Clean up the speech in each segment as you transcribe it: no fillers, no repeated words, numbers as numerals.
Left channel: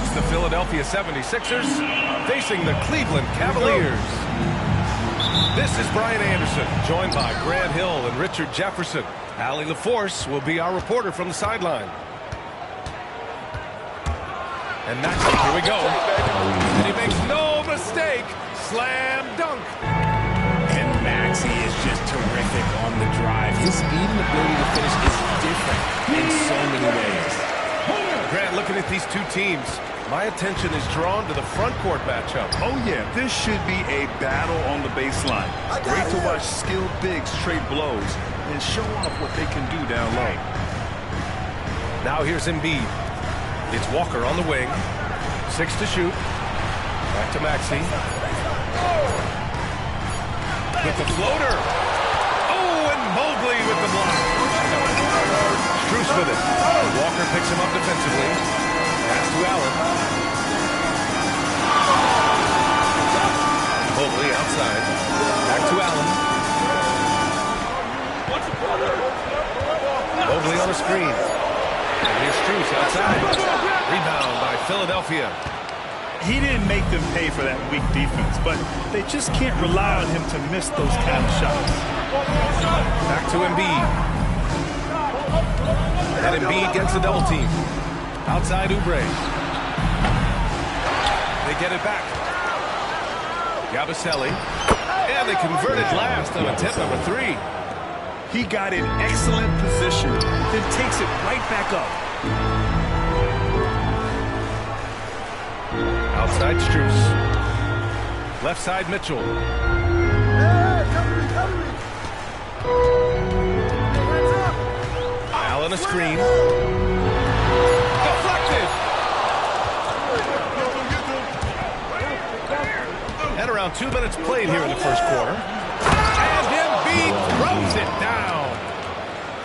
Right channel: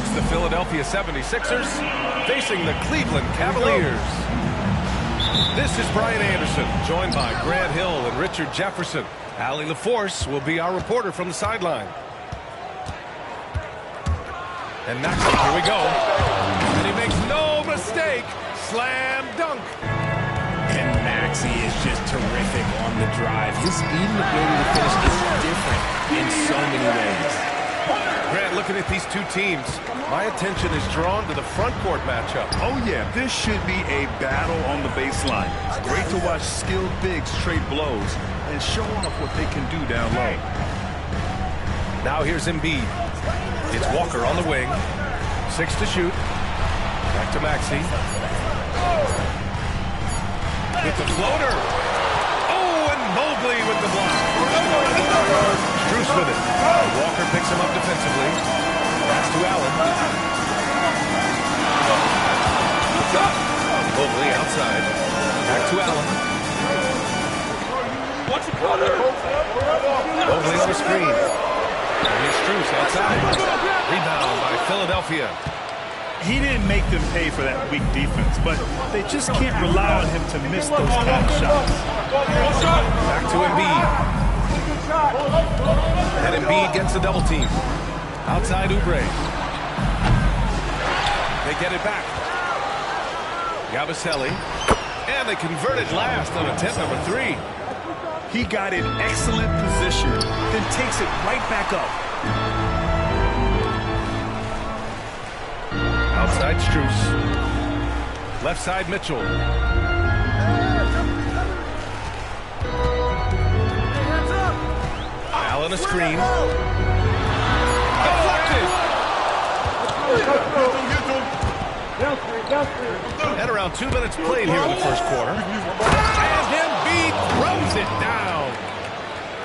It's the Philadelphia 76ers facing the Cleveland Cavaliers. This is Brian Anderson, joined by Grant Hill and Richard Jefferson. Allie LaForce will be our reporter from the sideline. And Maxey, here we go. And he makes no mistake. Slam dunk. And Maxey is just terrific on the drive. His speed and ability to finish is different in so many ways. Grant, looking at these two teams, my attention is drawn to the front court matchup. Oh, yeah, this should be a battle on the baseline. It's great to watch skilled bigs trade blows and show off what they can do down low. Now here's Embiid. It's Walker on the wing. 6 to shoot. Back to Maxey. With the floater. Oh, and Mobley with the block. Strus with it. And Walker picks him up defensively. Pass to Allen. Mobley outside. Back to Allen. Mobley on the screen. And here's Strus outside. Rebound by Philadelphia. He didn't make them pay for that weak defense, but they just can't rely on him to miss those kind of shots. Back to Embiid. And Embiid gets the double team. Outside Oubre. They get it back. Yabusele. And they converted last on attempt number 3. He got in excellent position, then takes it right back up. Outside Strus. Left side Mitchell. Allen a screen. Deflected. And around 2 minutes played here in the first quarter. And Embiid throws it down.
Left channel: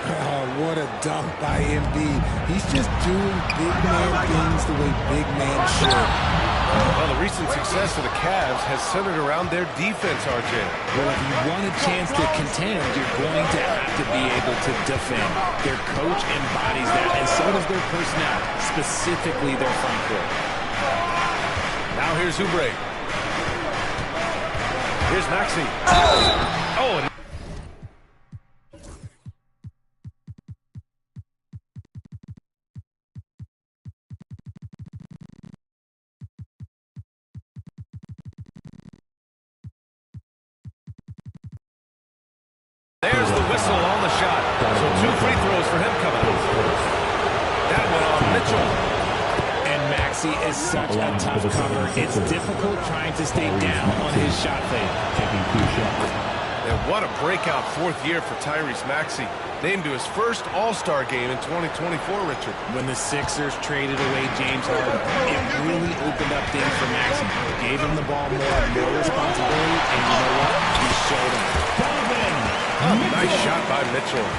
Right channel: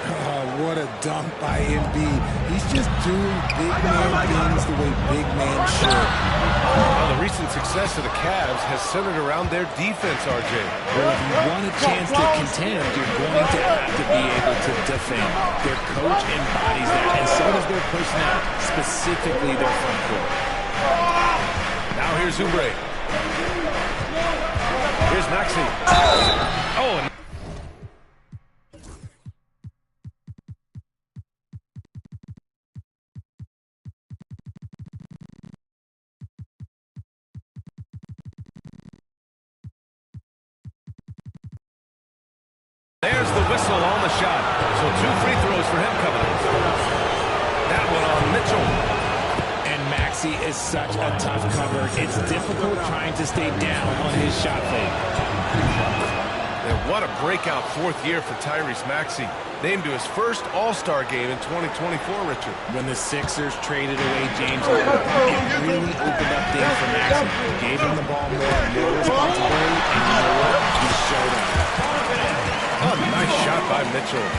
Oh, what a dunk by Embiid. He's just doing big man things the way big men should. Well, the recent success of the Cavs has centered around their defense, RJ. Well, if you want a chance to contend, you're going to have to be able to defend. Their coach embodies that, and so does their personnel, specifically their front court. Now here's Oubre. Here's Maxey. Oh, and there's the whistle on the shot. So 2 free throws for him coming up. That one on Mitchell. And Maxey is such a tough cover. It's difficult trying to stay down on his shot fake. And what a breakout 4th year for Tyrese Maxey. Named to his first All-Star game in 2024, Richard. When the Sixers traded away James Harden, it really opened up things for Maxey. Gave him the ball more responsibility, and you know what? He showed up. Oh, nice shot by Mitchell.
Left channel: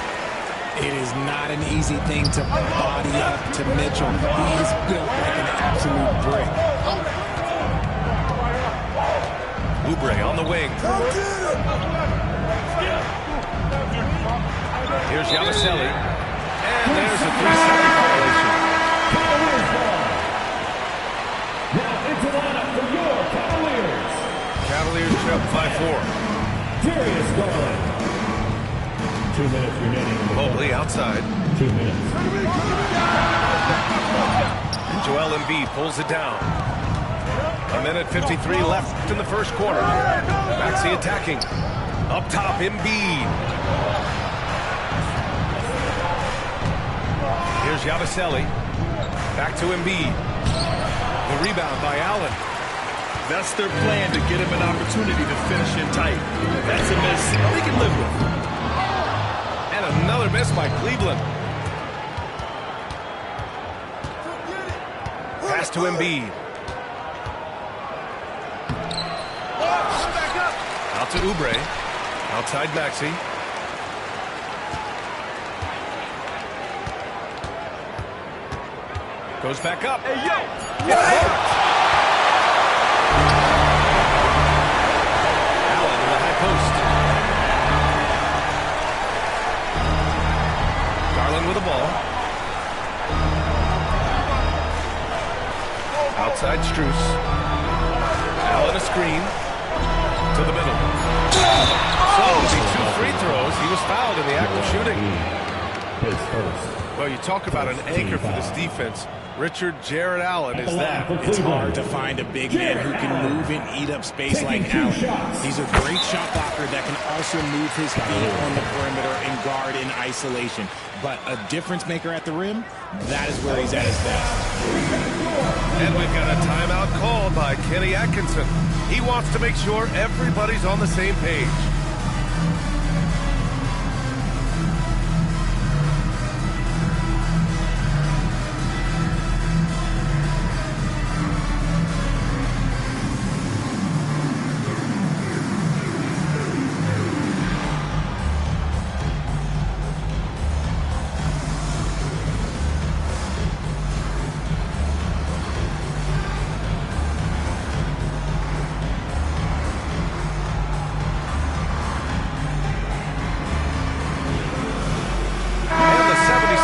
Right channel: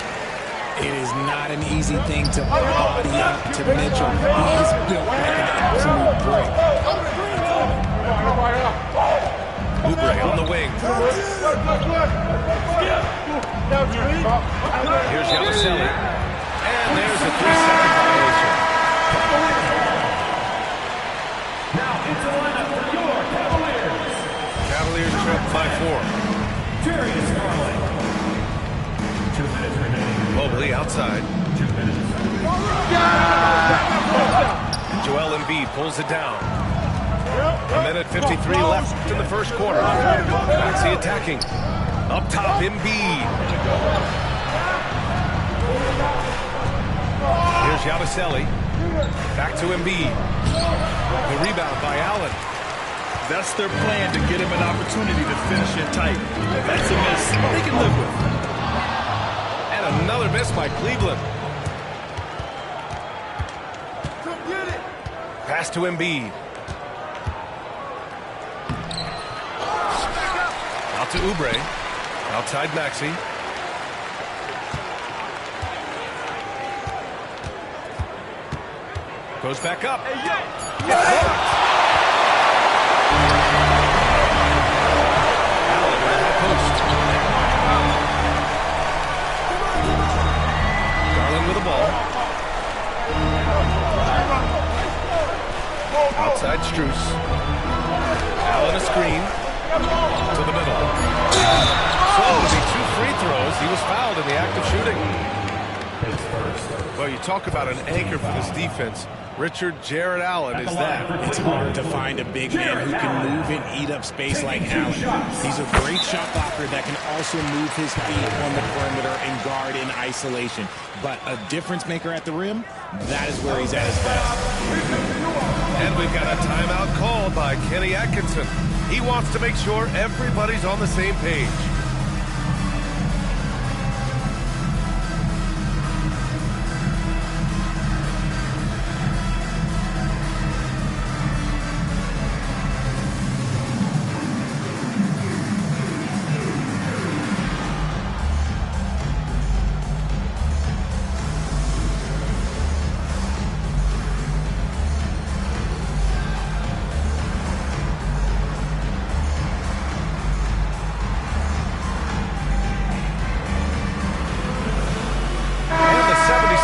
It is not an easy thing to body up to Mitchell. He is built like an absolute brick. Oubre on the wing. Here's Yabusele. And there's a 3-second violation. Now into the lineup for your Cavaliers. Cavaliers trail 5-4. Darius Garland. 2 minutes remaining. Mobley outside. 2 minutes. And Joel Embiid pulls it down. 1:53 left in the first quarter. Maxey attacking. Up top, Embiid. Here's Yabusele. Back to Embiid. The rebound by Allen. That's their plan, to get him an opportunity to finish in tight. That's a miss they can live with. And another miss by Cleveland. Pass to Embiid. Out to Oubre. Outside Maxey. Goes back up. Hey, yo! Allen in the high post. Garland with the ball. Outside Strus. Allen a screen. To the middle. So, the 2 free throws, he was fouled in the act of shooting. Well, you talk about an anchor for this defense. Richard Jarrett Allen is that. It's hard to find a big man who can move and eat up space like Allen. He's a great shot blocker that can also move his feet on the perimeter and guard in isolation. But a difference maker at the rim, that is where he's at his best. And we've got a timeout called by Kenny Atkinson. He wants to make sure everybody's on the same page.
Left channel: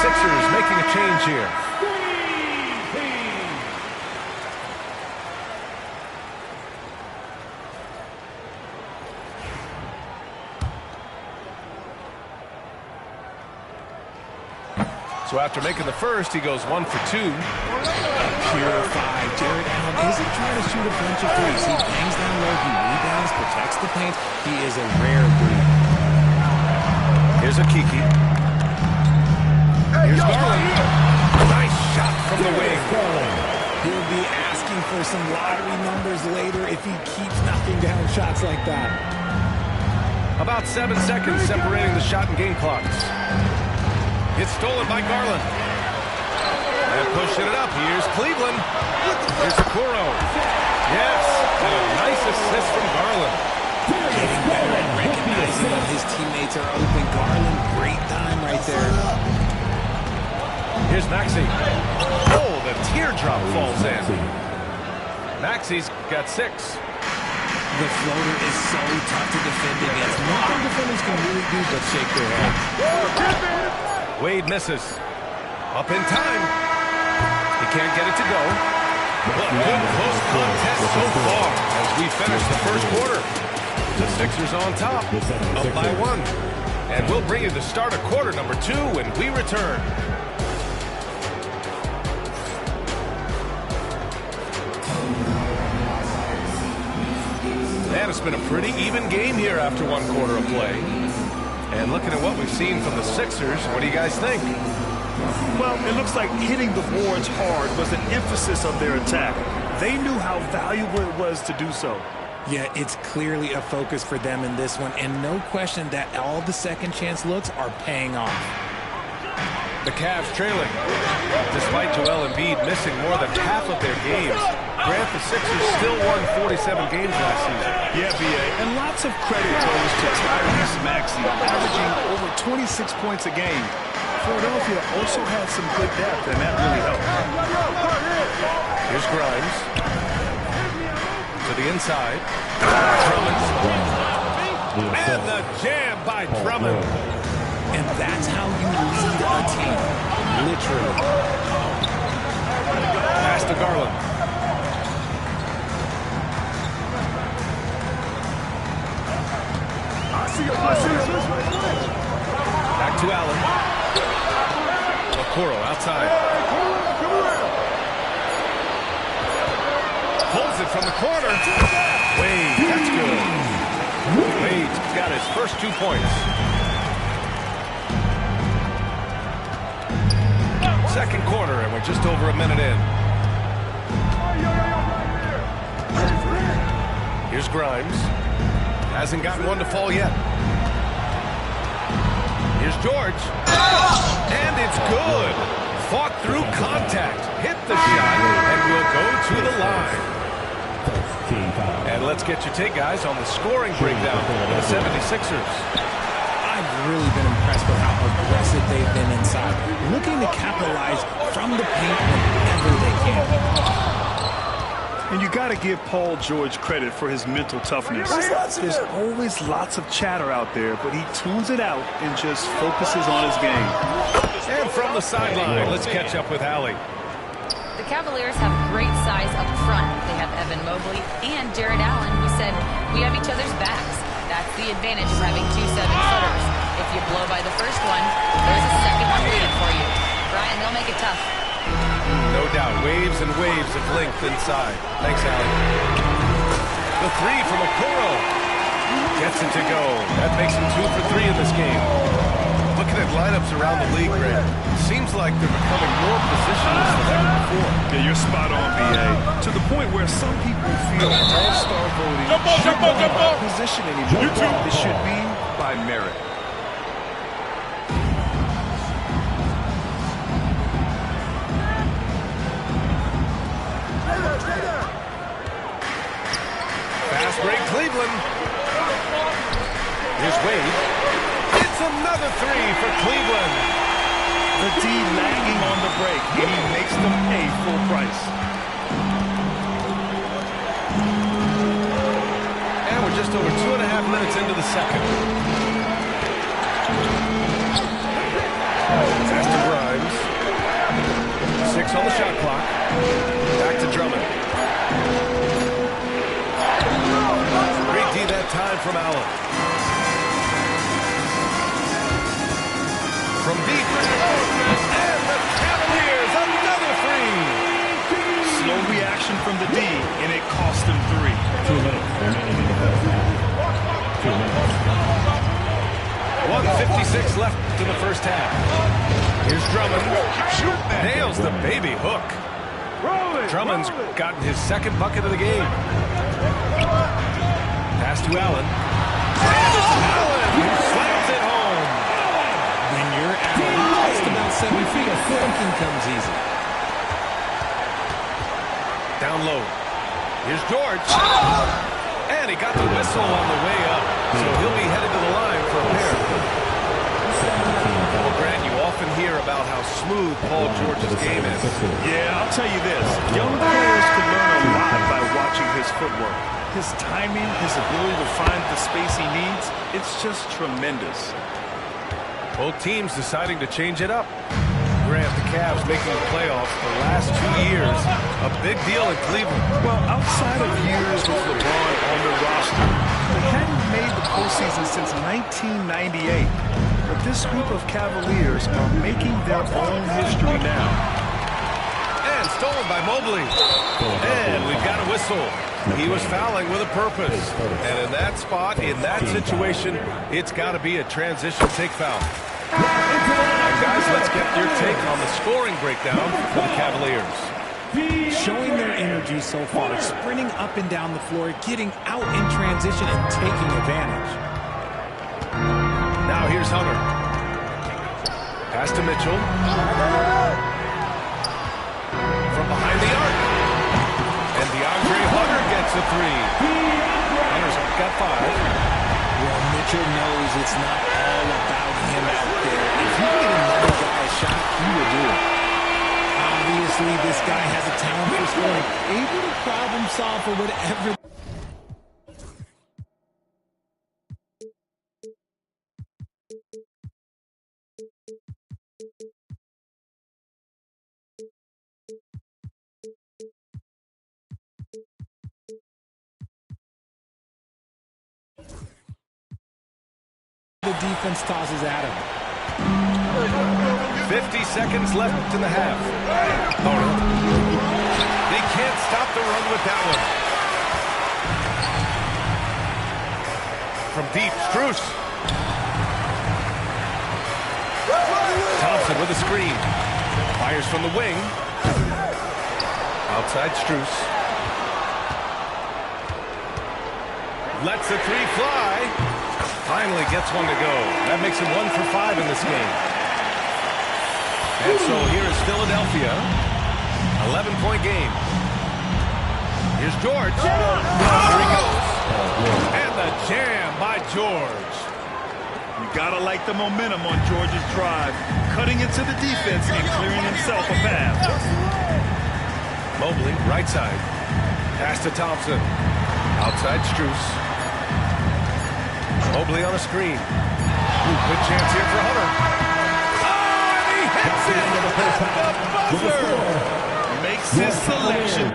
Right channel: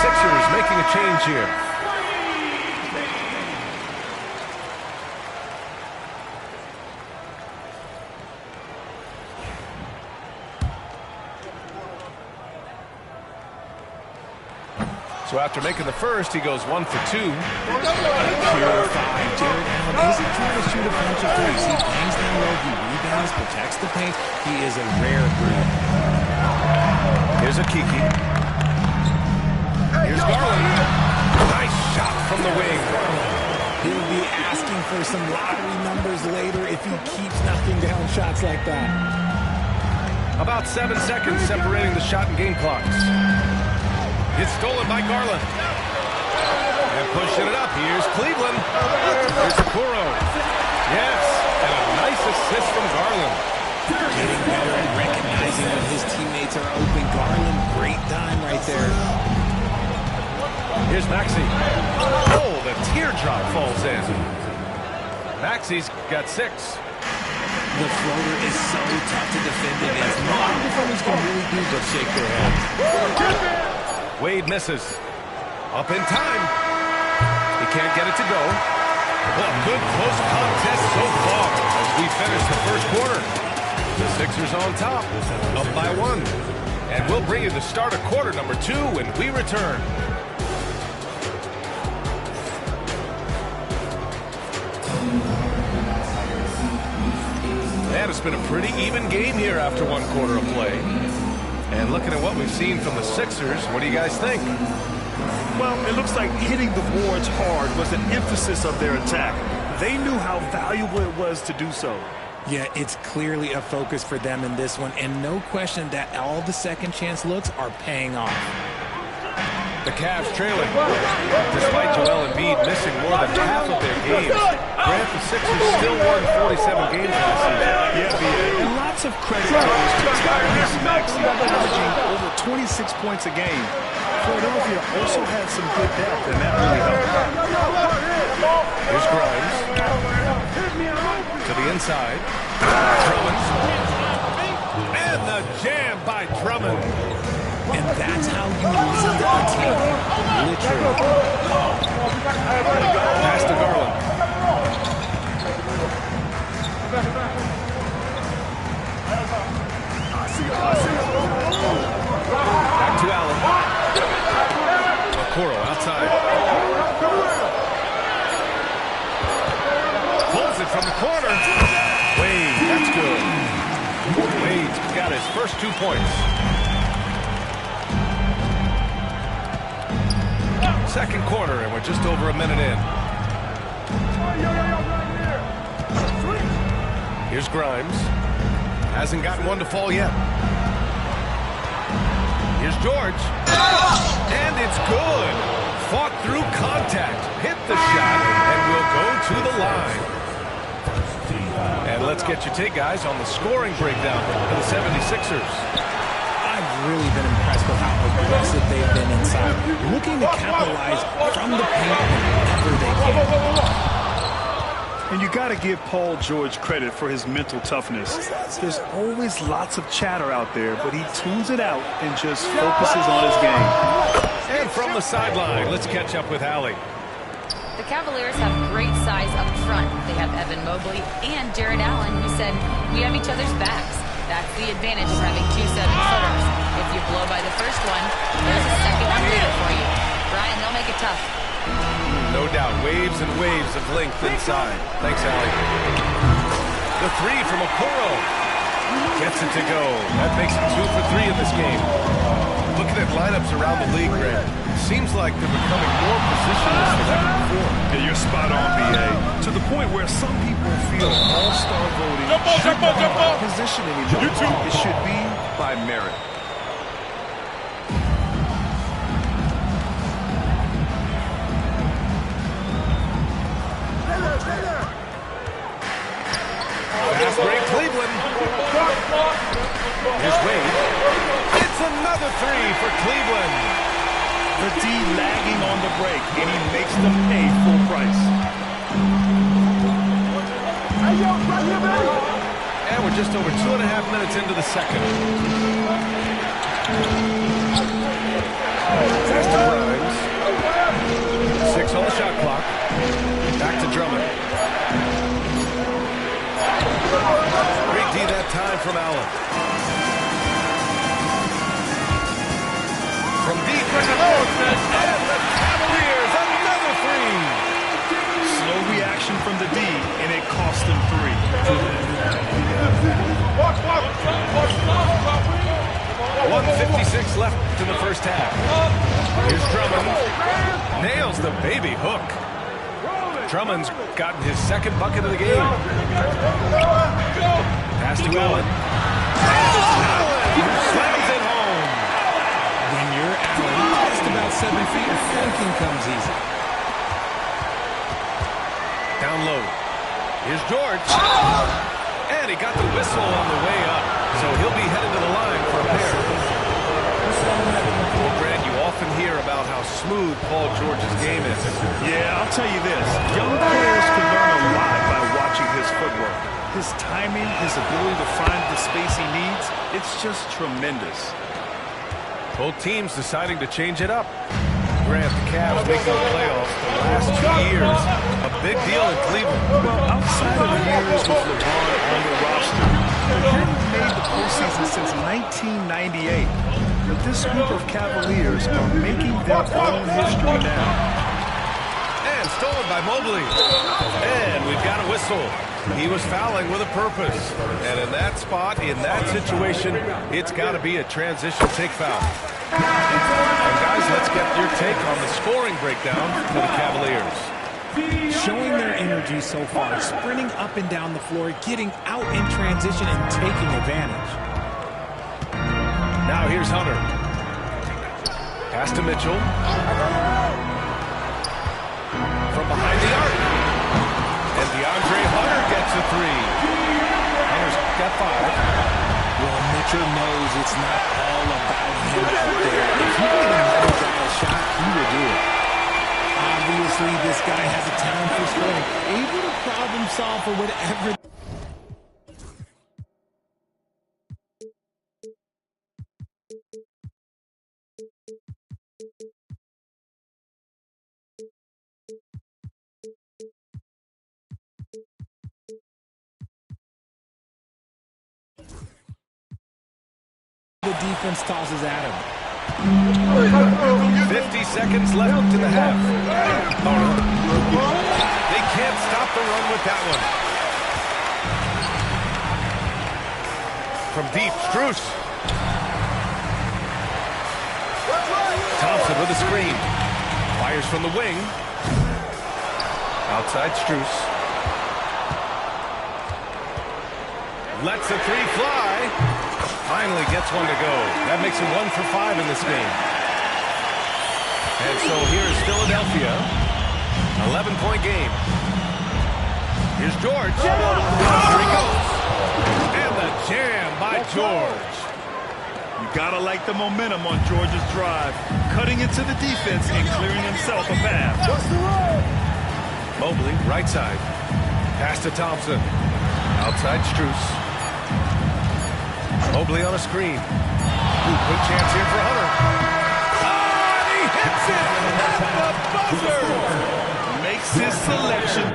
Sixers making a change here. So after making the first, he goes 1 for 2. Purified. Jarrett Allen isn't trying to shoot a bunch of threes. He bangs down low, he rebounds, protects the paint. He is a rare breed. Here's a Kiki. Here's Garland. Nice shot from the wing. He'll be asking for some lottery numbers later if he keeps knocking down shots like that. About 7 seconds separating the shot and game clocks. It's stolen by Garland. And pushing it up. Here's Cleveland. Here's Okoro. Yes, and a nice assist from Garland. Getting better at recognizing when his teammates are open. Garland, great dime right there. Here's Maxey. Oh, the teardrop falls in. Maxey's got 6. The floater is so tough to defend against. Nothing defenders can really do but shake their heads. Wade misses. Up in time. He can't get it to go. Well, a good close contest so far as we finish the first quarter. The Sixers on top, up by 1. And we'll bring you the start of quarter number 2 when we return. And it's been a pretty even game here after 1 quarter of play. And looking at what we've seen from the Sixers, what do you guys think? Well, it looks like hitting the boards hard was an emphasis of their attack. They knew how valuable it was to do so. Yeah, it's clearly a focus for them in this one, and no question that all the second chance looks are paying off. The Cavs trailing. Despite Joel Embiid missing more than half of their games, Grant, the Sixers still won 47 games last season. Yeah, B.A. And lots of credit goes to Tyrese Maxey, averaging over 26 points a game. Philadelphia also had some good depth, and that really helped. Here's Grimes. To the inside. Drummond. And the jam by Drummond. And that's how you lead a team, literally. Pass to Garland. Back to Allen. Okoro outside. Pulls it from the corner. Wade, that's good. Wade's got his first 2 points. Second quarter, and we're just over a minute in. Here's Grimes. Hasn't gotten one to fall yet. Here's George. And it's good. Fought through contact. Hit the shot, and will go to the line. And let's get your take, guys, on the scoring breakdown for the 76ers. I've really been impressed with how aggressive they've been inside, looking to capitalize from the paint whenever they can. And you got to give Paul George credit for his mental toughness. There's always lots of chatter out there, but he tunes it out and just focuses on his game. And from the sideline, let's catch up with Allie. The Cavaliers have great size up front. They have Evan Mobley and Jared Allen, who said, "We have each other's backs." That's the advantage of having 2 7-footers. If you blow by the first one, there's a second one waiting for you. Brian, they'll make it tough. No doubt. Waves and waves of length inside. Thanks, Allie. The 3 from Okoro. Gets it to go. That makes him 2 for 3 in this game. Looking at lineups around the league, Greg, seems like they're becoming more positionless than ever before. Yeah, you're spot on, B.A. To the point where some people feel all-star voting shouldn't be by position anymore. It should be by merit. Fast break, Cleveland. Here's Wade. It's another 3 for Cleveland. The D lagging on the break, and he makes them pay full price. And we're just over 2.5 minutes into the second. Pass to Grimes. 6 on the shot clock. Back to Drummond. Great D that time from Allen. From deep, and the Cavaliers, another 3. Slow reaction from the D, and it cost them 3. 1:56 left in the first half. Here's Drummond. Nails the baby hook. Drummond's gotten his second bucket of the game. Pass to Allen. And it's Allen who slams it home. When you're Allen, just about 7 feet, dunking comes easy. Down low. Here's George. And he got the whistle on the way up. So he'll be headed to the line for a pair. Well, Grant, you often hear about how smooth Paul George's game is. Yeah, I'll tell you this. Young players can learn a lot by watching his footwork. His timing, his ability to find the space he needs, it's just tremendous. Both teams deciding to change it up. Grant, the Cavs making the playoffs the last 2 years. A big deal in Cleveland. Well, outside of years with LeBron on the roster, they hadn't made the postseason since 1998. But this group of Cavaliers are making their own history now. And stolen by Mobley. And we've got a whistle. He was fouling with a purpose. And in that spot, in that situation, it's got to be a transition take foul. And guys, let's get your take on the scoring breakdown for the Cavaliers. Showing their energy so far, sprinting up and down the floor, getting out in transition and taking advantage. Now here's Hunter. Pass to Mitchell. From behind the arc. And DeAndre Hunter gets a 3. Hunter's got 5. Well, Mitchell knows it's not all about him out there. If he can get another guy a shot, he will do it. Obviously, this guy has a talent for scoring, able to problem solve for whatever. The defense tosses at him. 50 seconds left in the half. Oh, no. They can't stop the run with that one. From deep, Strus. Thompson with a screen. Fires from the wing. Outside Strus. Lets the 3 fly. Finally gets one to go. That makes him 1 for 5 in this game. And so here is Philadelphia. 11-point game. Here's George. Here he goes. And the jam by George. You gotta like the momentum on George's drive. Cutting into the defense and clearing himself a path. Mobley, right side. Pass to Thompson. Outside Strus. Mobley on a screen. Ooh, good chance here for Hunter. Oh, and he hits it at the buzzer. Makes makes his selection.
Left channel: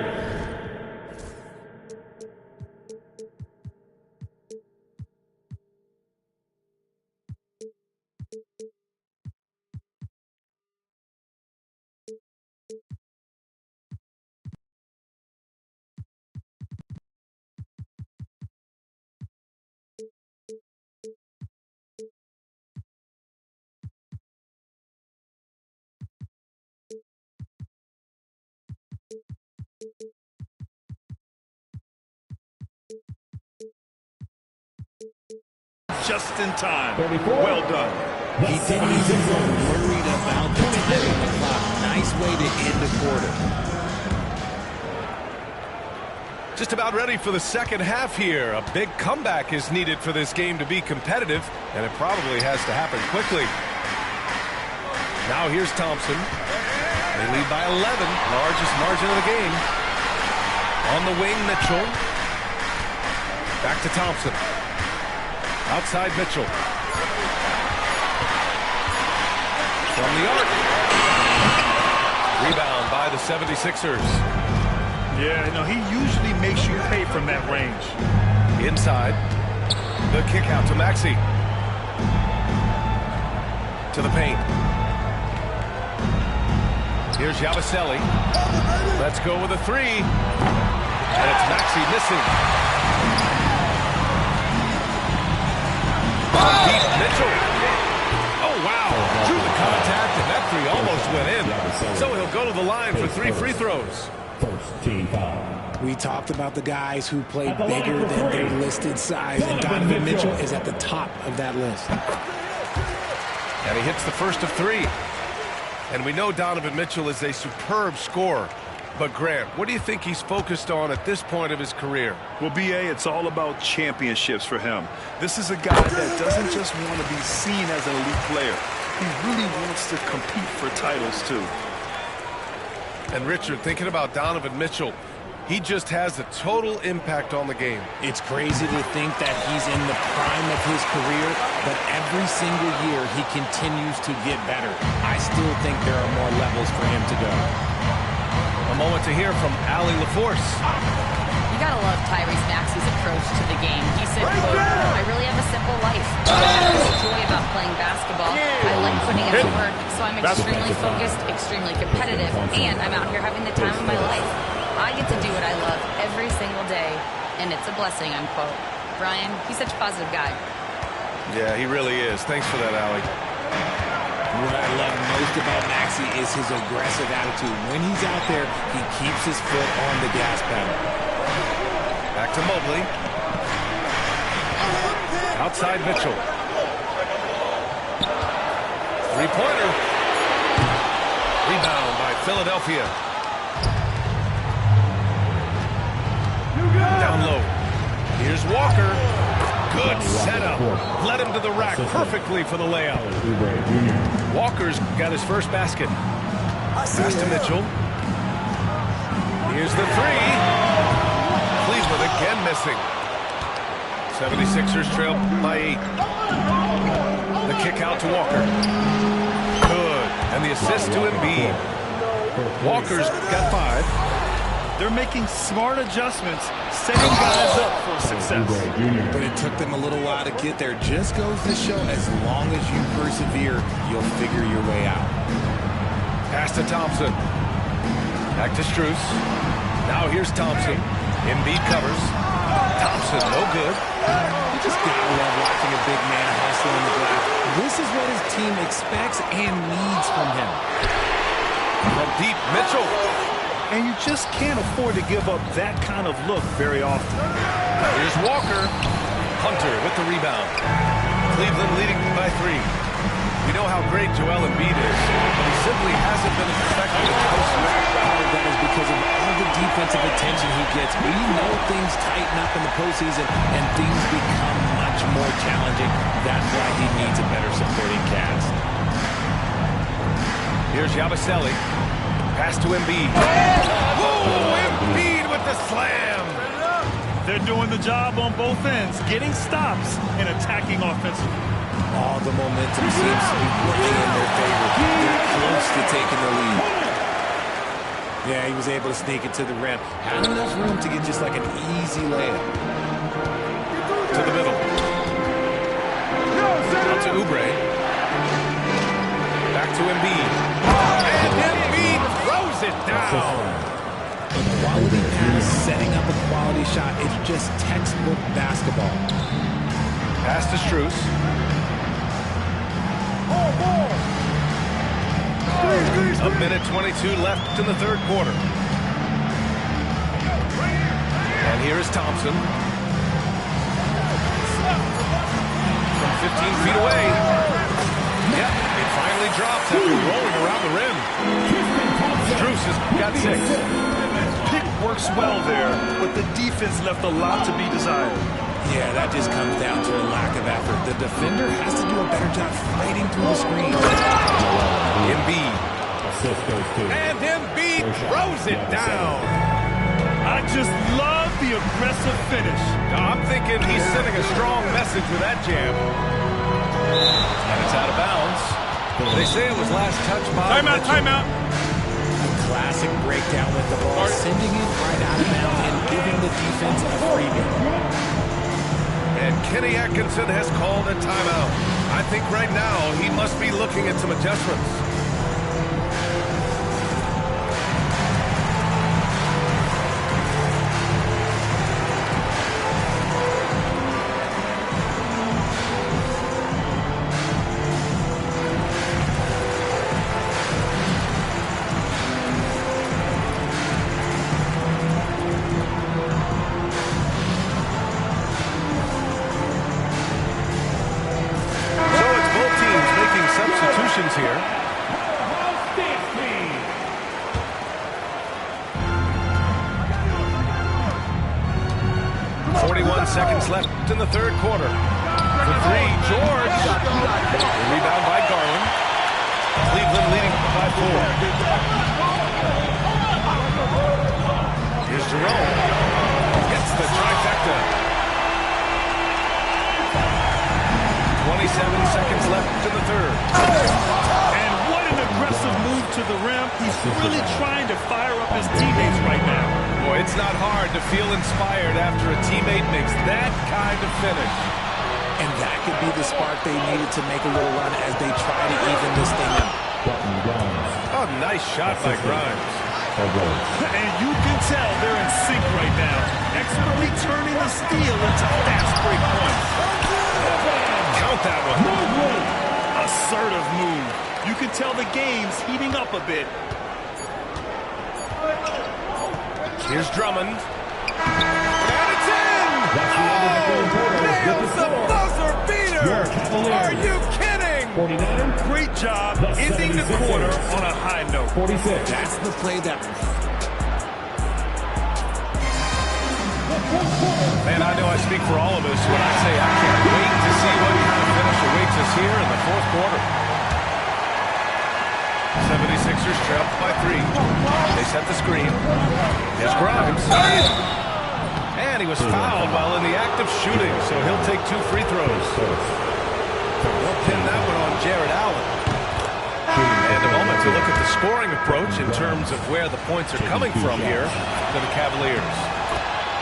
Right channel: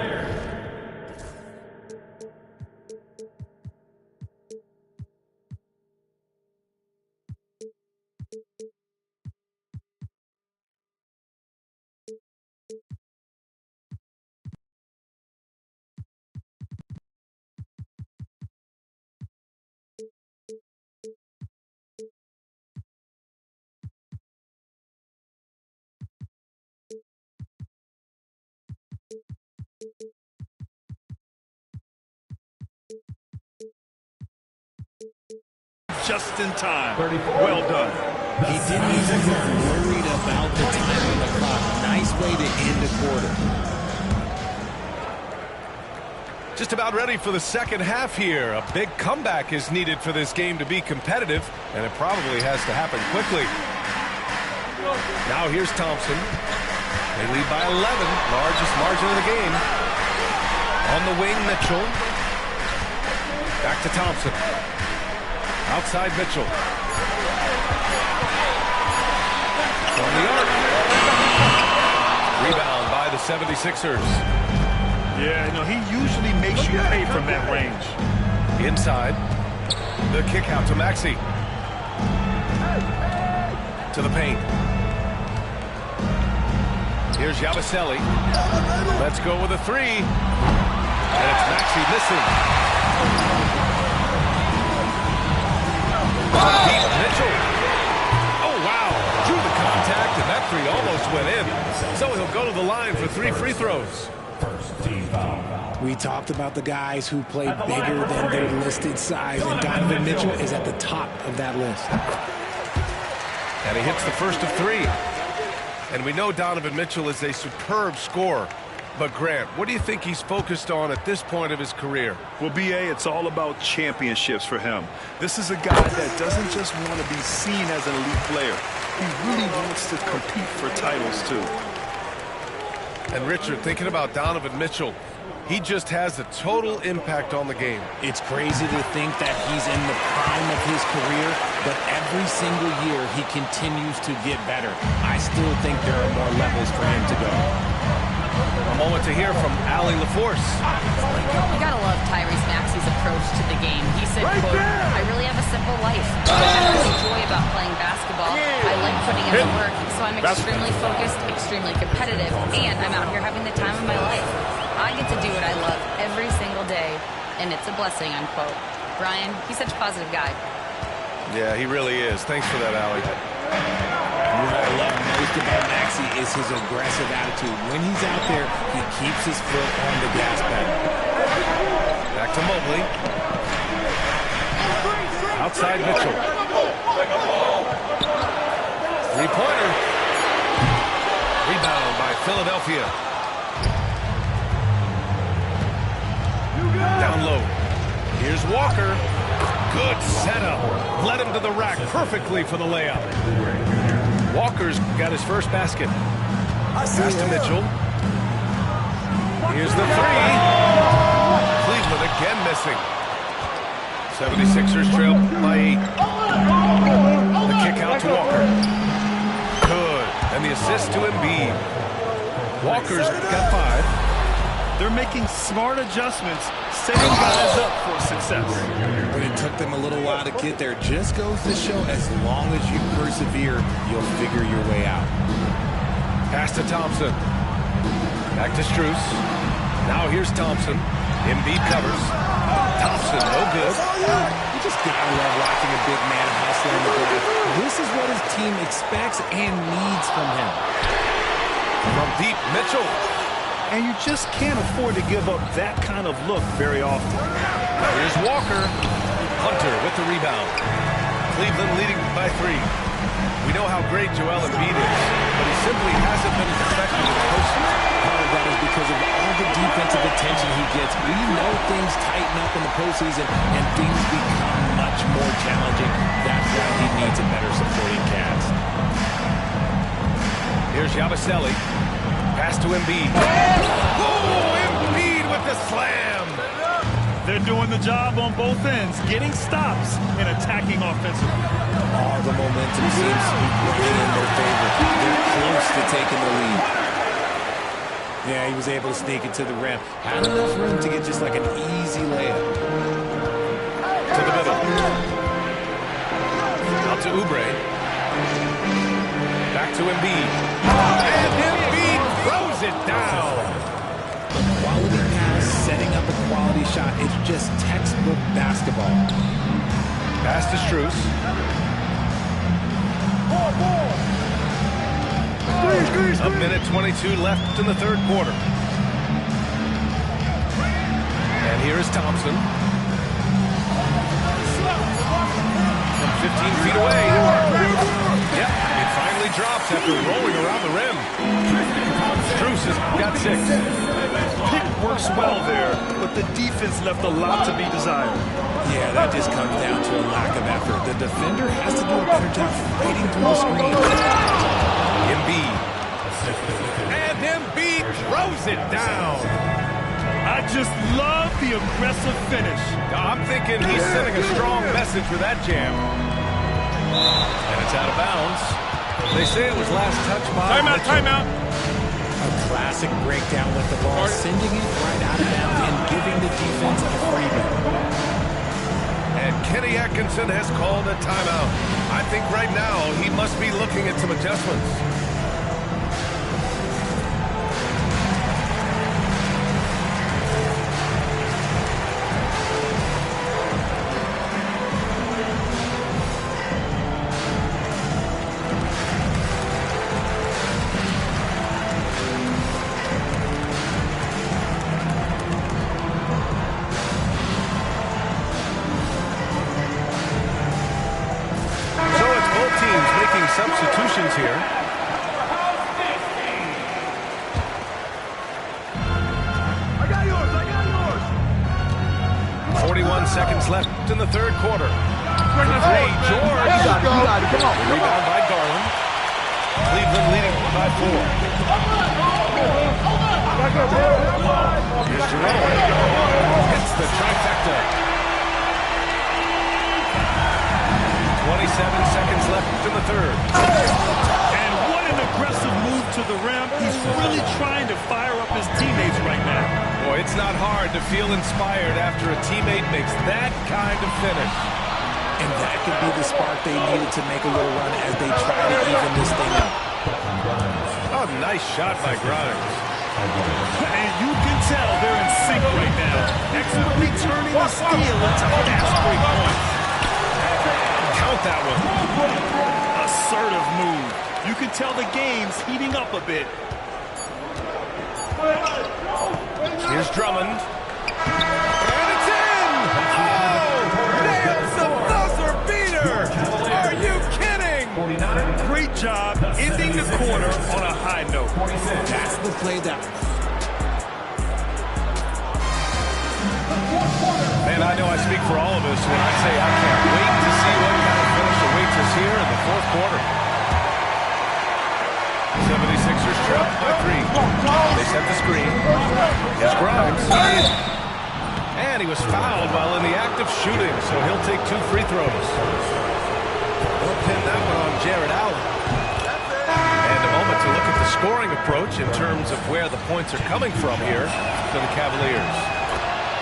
Just in time. Well done. He didn't even look worried about the time on the clock. Nice way to end a quarter. Just about ready for the second half here. A big comeback is needed for this game to be competitive, and it probably has to happen quickly. Now here's Thompson. They lead by 11, largest margin of the game. On the wing, Mitchell. Back to Thompson. Outside Mitchell. From the arc. Rebound by the 76ers. Yeah, no, he usually makes you pay from that range. Inside. The kick out to Maxey. To the paint. Here's Yabusele. Let's go with a three. And it's Maxey missing. Deep Mitchell. Oh, wow. Drew the contact, and that three almost went in. So he'll go to the line for 3 free throws. First team foul. We talked about the guys who play bigger than their listed size, and Donovan Mitchell is at the top of that list. And he hits the first of 3. And we know Donovan Mitchell is a superb scorer. But, Grant, what do you think he's focused on at this point of his career? Well, B.A., it's all about championships for him. This is a guy that doesn't just want to be seen as an elite player. He really wants to compete for titles, too. And, Richard, thinking about Donovan Mitchell, he just has a total impact on the game. It's crazy to think that he's in the prime of his career, but every single year he continues to get better. I still think there are more levels for him to go. A moment to hear from Allie LaForce. You gotta love Tyrese Maxey's approach to the game. He said, quote, I really have a simple life. There's joy about playing basketball. I like putting in the work, so I'm extremely focused, extremely competitive, and I'm out here having the time of my life. I get to do what I love every single day, and it's a blessing, unquote. Brian, he's such a positive guy. Yeah, he really is. Thanks for that, Allie. What I love most about Maxey is his aggressive attitude. When he's out there, he keeps his foot on the gas pedal. Back to Mobley. Outside Mitchell. Three-pointer. Rebound by Philadelphia. Down low. Here's Walker. Good setup. Led him to the rack perfectly for the layup. Walker's got his first basket. Pass to Mitchell. Here's the three. Cleveland again missing. 76ers trail by 8. The kick out to Walker. Good. And the assist to Embiid. Walker's got 5. They're making smart adjustments, setting guys up for success. But it took them a little while to get there. Just goes to show, as long as you persevere, you'll figure your way out. Pass to Thompson. Back to Strus. Now here's Thompson. Embiid covers. Thompson, no good. You just gotta love watching a big man hustle on the glass. This is what his team expects and needs from him. From deep, Mitchell. And you just can't afford to give up that kind of look very often. Here's Walker. Hunter with the rebound. Cleveland leading by 3. We know how great Joel Embiid is, but he simply hasn't been as effective in the postseason. Part of that is because of all the defensive attention he gets. We know things tighten up in the postseason, and things become much more challenging. That's why he needs a better supporting cast. Here's Yabusele. Pass to Embiid. Whoa, Embiid with the slam. They're doing the job on both ends, getting stops and attacking offensively. All the momentum seems to be running in their favor. They're close to taking the lead. Yeah, he was able to sneak it to the rim. Had enough room to get just like an easy layup. To the middle. Out to Oubre. Back to Embiid. And Embiid throws it down. A quality pass, setting up a quality shot. It's just textbook basketball. Pass to Strus. A minute 22 left in the third quarter. And here is Thompson. From 15 feet away. Yep, it finally drops after rolling around the rim. Strus has got 6. Pick works well there, but the defense left a lot to be desired. Yeah, that just comes down to a lack of effort. The defender has to do a better job fighting through the screen. Embiid. And Embiid throws it down. I just love the aggressive finish. I'm thinking he's sending a strong message with that jam. And it's out of bounds. They say it was last touched by Timeout, timeout. A classic breakdown with the ball, sending it right out of bounds and giving the defense a freebie. And Kenny Atkinson has called a timeout. I think right now he must be looking at some adjustments. Substitutions here. I got yours. 41 seconds left in the third quarter. For 3, George. The rebound by Garland. Cleveland leading by 4. Here's Jerome. Hits the trifecta. 27 seconds left in the third. And what an aggressive move to the rim. He's really trying to fire up his teammates right now. Boy, it's not hard to feel inspired after a teammate makes that kind of finish. And that could be the spark they needed to make a little run as they try to even this thing up. Oh, nice shot by Grimes. And you can tell they're in sync right now. Expertly turning the steal into fast break points. Count that one. Assertive move. You can tell the game's heating up a bit. Here's Drummond. And it's in! Oh! Nails the buzzer beater! Are you kidding? Great job ending the quarter on a high note. That's the play that... Man, I know I speak for all of us when I say I can't wait to see what kind of finish awaits us here in the fourth quarter. 76ers trail by 3. They set the screen. Here's Grimes. And he was fouled while in the act of shooting, so he'll take 2 free throws. They'll pin that one on Jared Allen. And a moment to look at the scoring approach in terms of where the points are coming from here for the Cavaliers.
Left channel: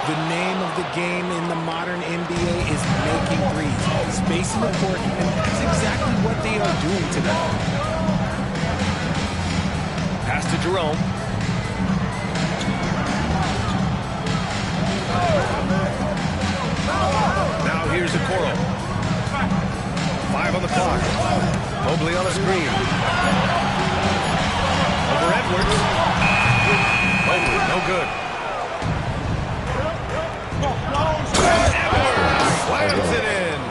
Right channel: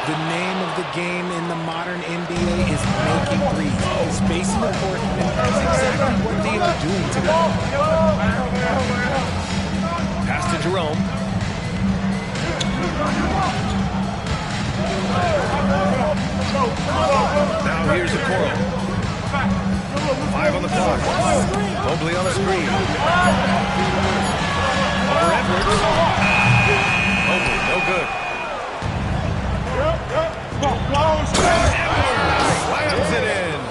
The name of the game in the modern NBA is making threes, spacing the court, and that's exactly what they are doing today. Pass to Jerome. Now here's Okoro. 5 on the clock. Mobley on the screen. Over Edwards. Mobley, no good. Edwards slams it in.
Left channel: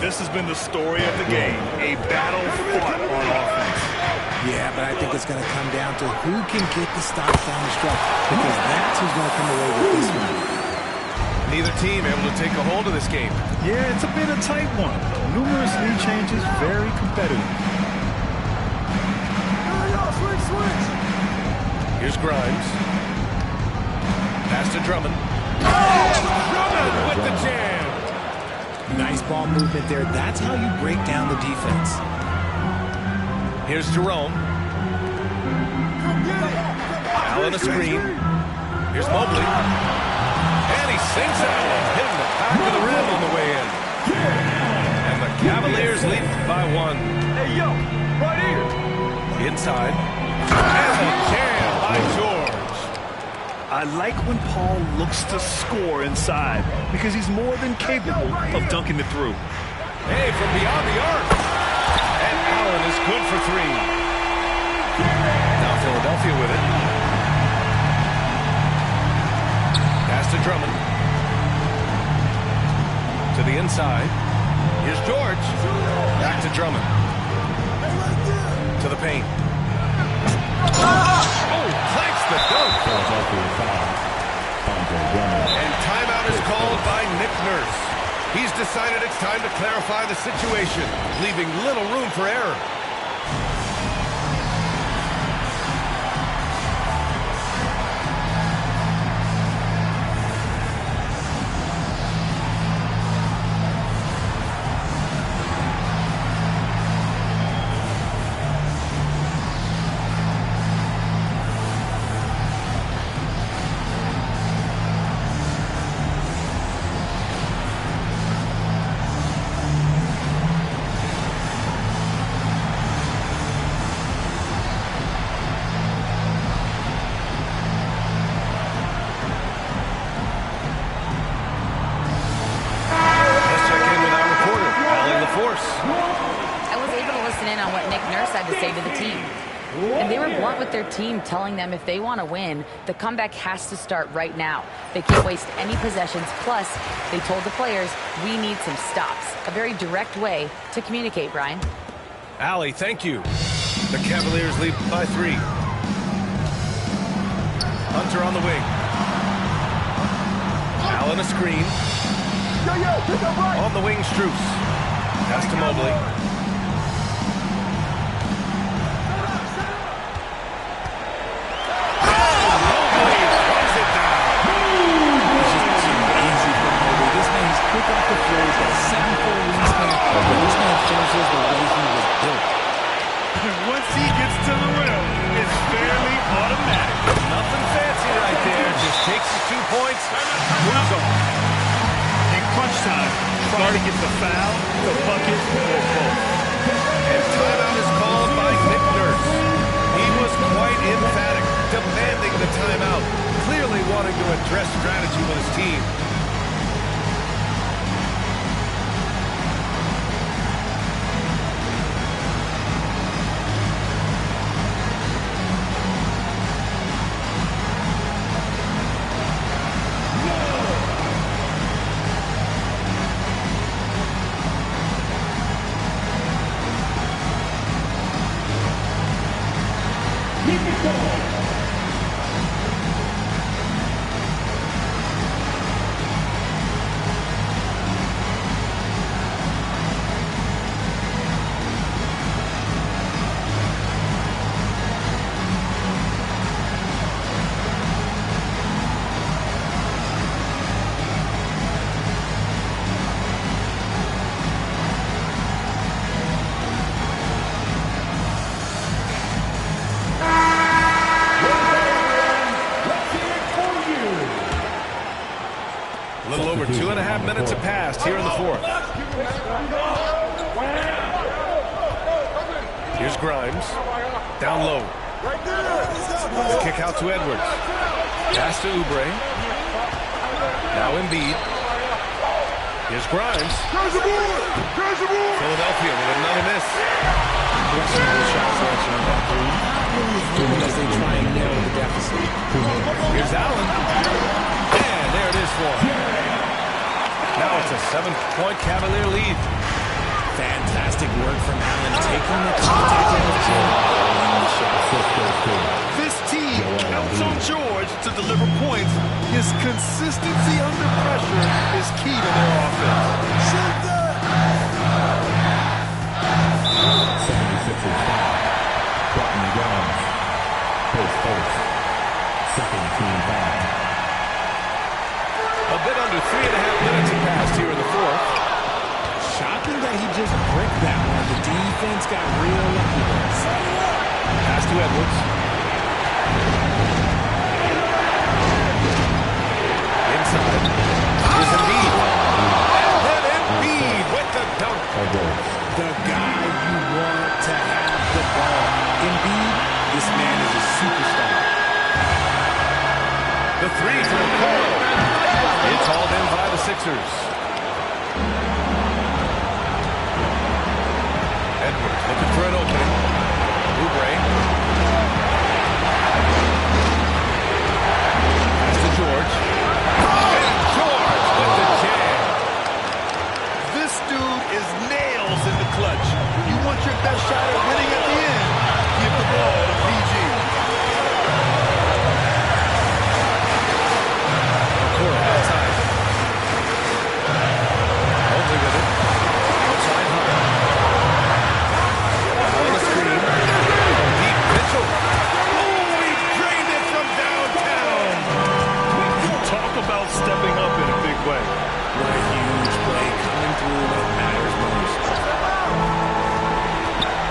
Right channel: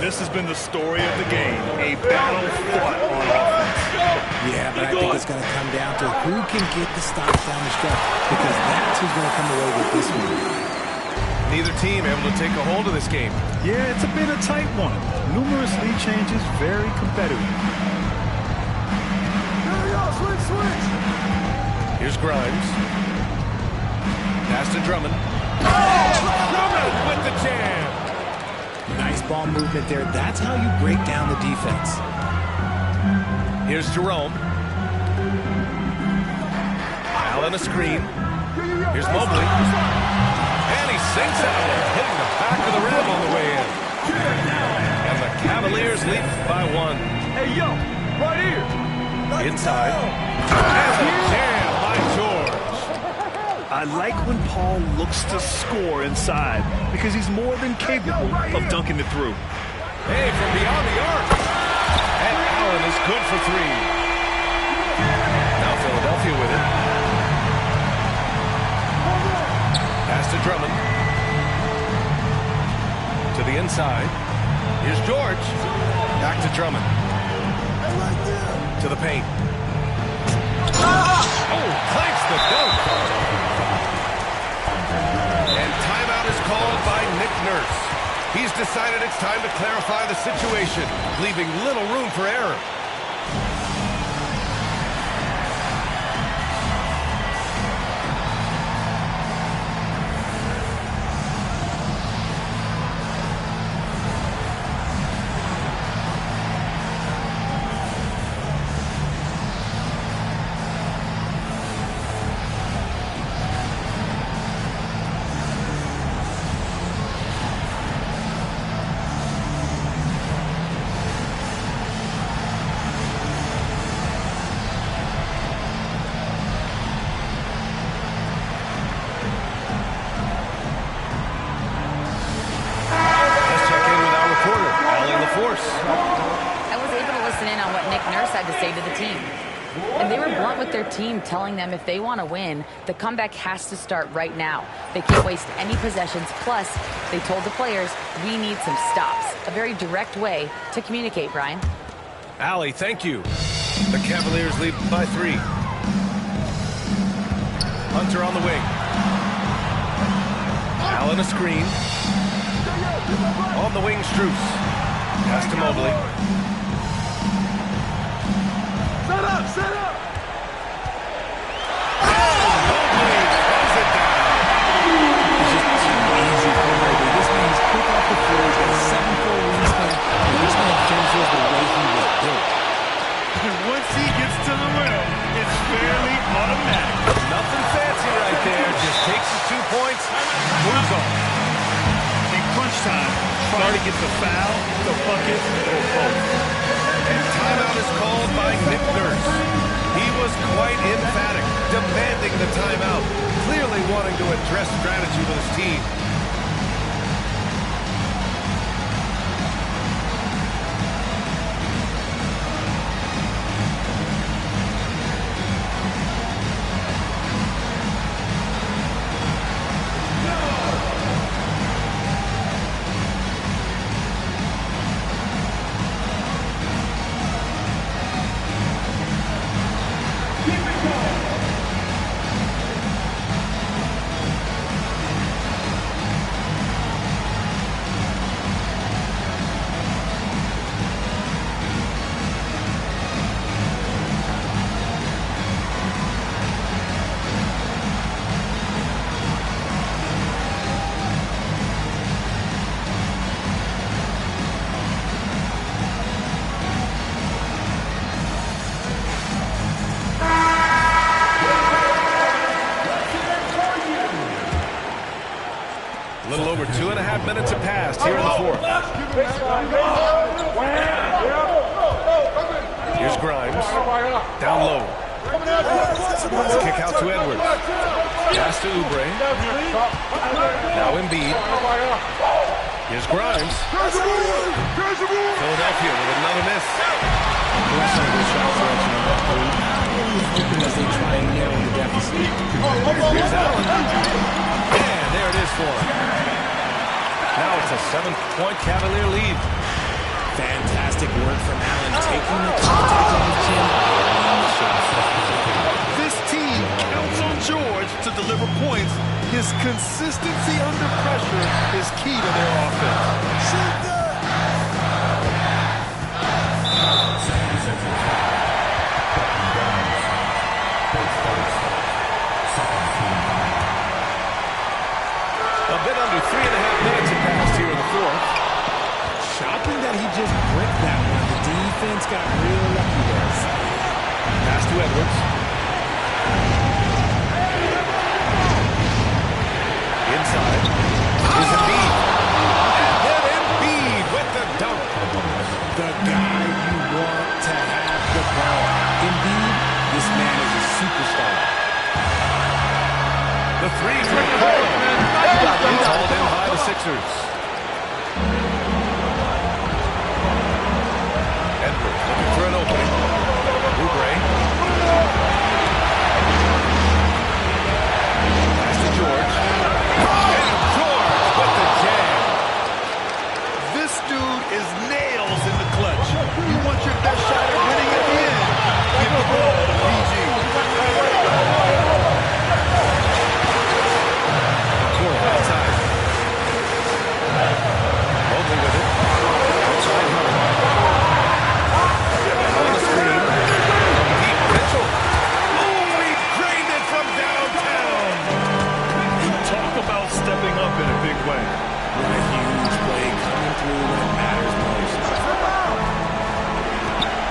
This has been the story of the game. A battle fought on offense. Yeah, but I think it's going to come down to who can get the stops down the stretch, because that's who's going to come away with this one. Neither team able to take a hold of this game. Yeah, it's a bit of a tight one. Numerous lead changes, very competitive. Switch. Here's Grimes. Pass to Drummond. Oh, Drummond with the jam. Nice ball movement there. That's how you break down the defense. Here's Jerome. Allen a screen. Here's Mobley. And he sinks that one, hitting the back of the rim on the way in. And the Cavaliers lead by 1. Hey, yo, right here. Inside. And the jam by George. I like when Paul looks to score inside because he's more than capable of dunking it through. Hey, from beyond the arc. And Allen is good for 3. Now Philadelphia with it. Pass to Drummond. To the inside. Here's George. Back to Drummond. To the paint. Oh, clanks the dunk. And timeout is called by Nick Nurse. He's decided it's time to clarify the situation, leaving little room for error. I was able to listen in on what Nick Nurse had to say to the team. And they were blunt with their team, telling them if they want to win, the comeback has to start right now. They can't waste any possessions. Plus, they told the players, we need some stops. A very direct way to communicate, Brian. Allie, thank you. The Cavaliers lead by 3. Hunter on the wing. Allen a screen. On the wing, Strus. Pass to Mobley. Set up. Oh, Mobley throws it down. It's just too easy for Mobley. This man is quick off the floor. He's got a 7'4" wingspan, but this man finishes the way he was built. Once he gets to the rim, it's fairly automatic. Nothing fancy right there. Just takes his 2 points, moves on. In crunch time, try to get the foul, the bucket, or both. And timeout is called by Nick Nurse. He was quite emphatic, demanding the timeout, clearly wanting to address strategy with his team. A little over 2.5 minutes have passed here in the 4th. Here's Grimes. Down low. Kick out to Edwards. Pass to Oubre. Now Embiid. Here's Grimes. Philadelphia with another miss. Questionable shot selection on that three. Not really helping as they try and narrow the deficit. Here's Allen. And there it is for him. Now it's a 7-point Cavalier lead. Fantastic work from Allen, taking the contact on his chin, burying the shot. This team counts on George to deliver points. His consistency under pressure is key to their offense. Shoot that! 76ers foul. Putnam Grimes. First. Second team foul. A bit under 3.5 minutes have passed here in the 4th. Shocking that he just bricked that one. The defense got real lucky there. Pass to Edwards. side is Embiid. And then Embiid with the dunk. The guy you want to have the ball. Embiid, this man is a superstar. The three from Okoro. It's hauled in by the Sixers. Edwards looking for an opening. Oubre. Pass to George. And George with the jam. This dude is nails in the clutch. You want your best shot at winning at the end? Give the ball to PG. Okoro outside. Mobley with it. Outside Hunter. On the screen. From deep, Mitchell. Oh, he drained it from downtown. You talk about stepping up in a big way. What a huge play coming through when it matters most.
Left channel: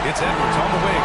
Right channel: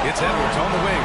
It's Edwards on the wing.